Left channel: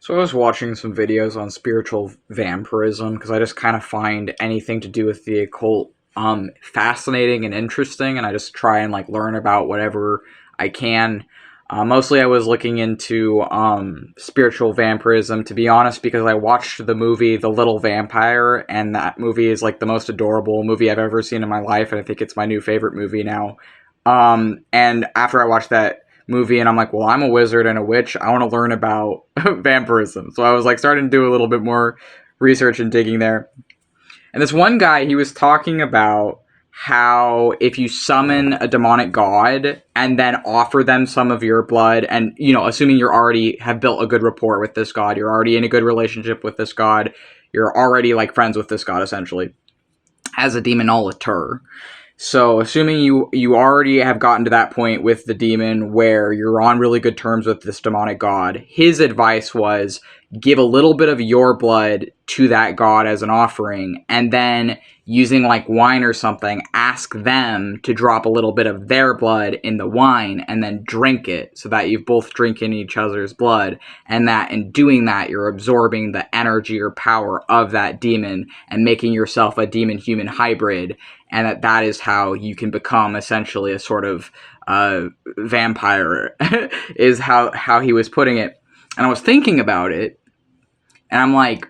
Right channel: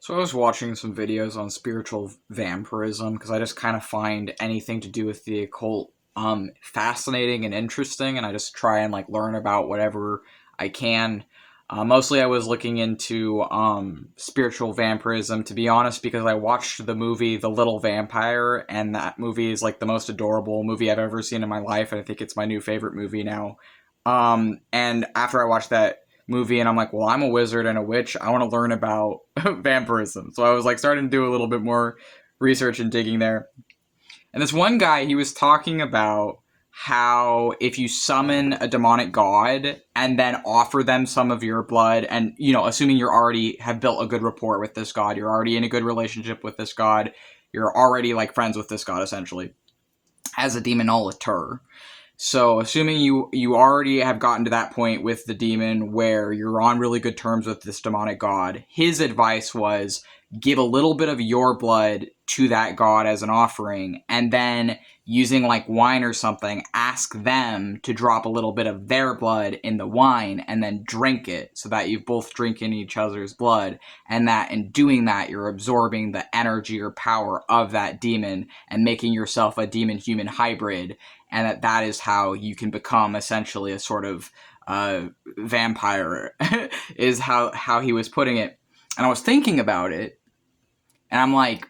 So I was watching some videos on spiritual vampirism because I just kind of find anything to do with the occult fascinating and interesting, and I just try and like learn about whatever I can. Mostly, I was looking into spiritual vampirism, to be honest, because I watched the movie The Little Vampire, and that movie is like the most adorable movie I've ever seen in my life, and I think it's my new favorite movie now. And after I watched that movie, and I'm like, well, I'm a wizard and a witch. I want to learn about vampirism. So I was like starting to do a little bit more research and digging there. And this one guy, he was talking about how if you summon a demonic god and then offer them some of your blood, and assuming you already have built a good rapport with this god, you're already in a good relationship with this god, you're already like friends with this god essentially as a demonolator. So, assuming you already have gotten to that point with the demon where you're on really good terms with this demonic god, his advice was give a little bit of your blood to that god as an offering, and then using like wine or something, ask them to drop a little bit of their blood in the wine and then drink it so that you both drink in each other's blood, and that in doing that you're absorbing the energy or power of that demon and making yourself a demon human hybrid, and that is how you can become essentially a sort of vampire is how he was putting it. And I was thinking about it, and I'm like,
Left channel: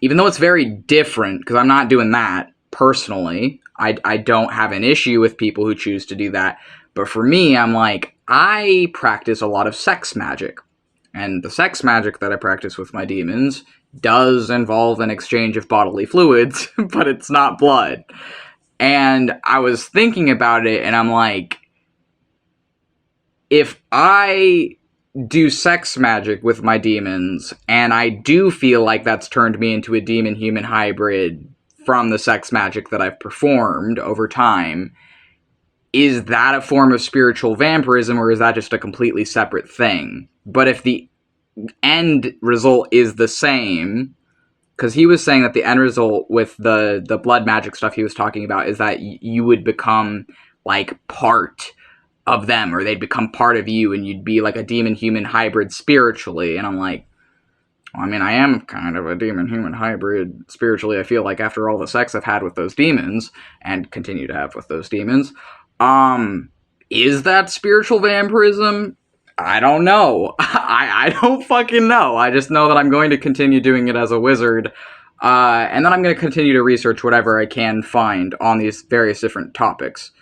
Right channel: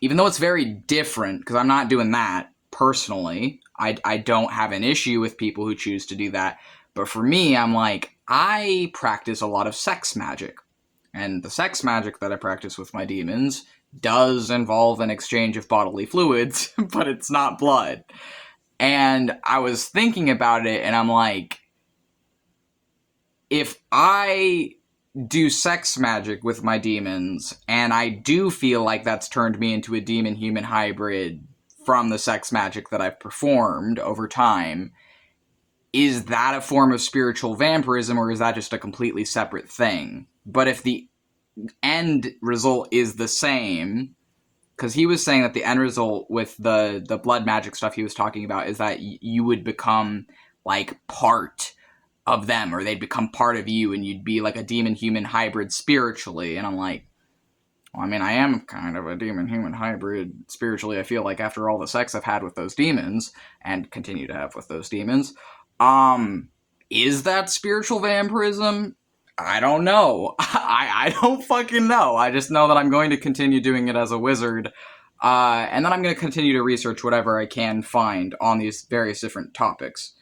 even though it's very different, because I'm not doing that personally, I don't have an issue with people who choose to do that, but for me, I'm like, I practice a lot of sex magic, and the sex magic that I practice with my demons does involve an exchange of bodily fluids, but it's not blood. And I was thinking about it, and I'm like, if I do sex magic with my demons, and I do feel like that's turned me into a demon-human hybrid from the sex magic that I've performed over time, is that a form of spiritual vampirism, or is that just a completely separate thing? But if the end result is the same, because he was saying that the end result with the blood magic stuff he was talking about is that you would become like part of them, or they'd become part of you, and you'd be like a demon-human hybrid spiritually. And I'm like, well, I mean, I am kind of a demon-human hybrid spiritually, I feel like, after all the sex I've had with those demons, and continue to have with those demons. Is that spiritual vampirism? I don't know. I don't fucking know. I just know that I'm going to continue doing it as a wizard, and then I'm going to continue to research whatever I can find on these various different topics.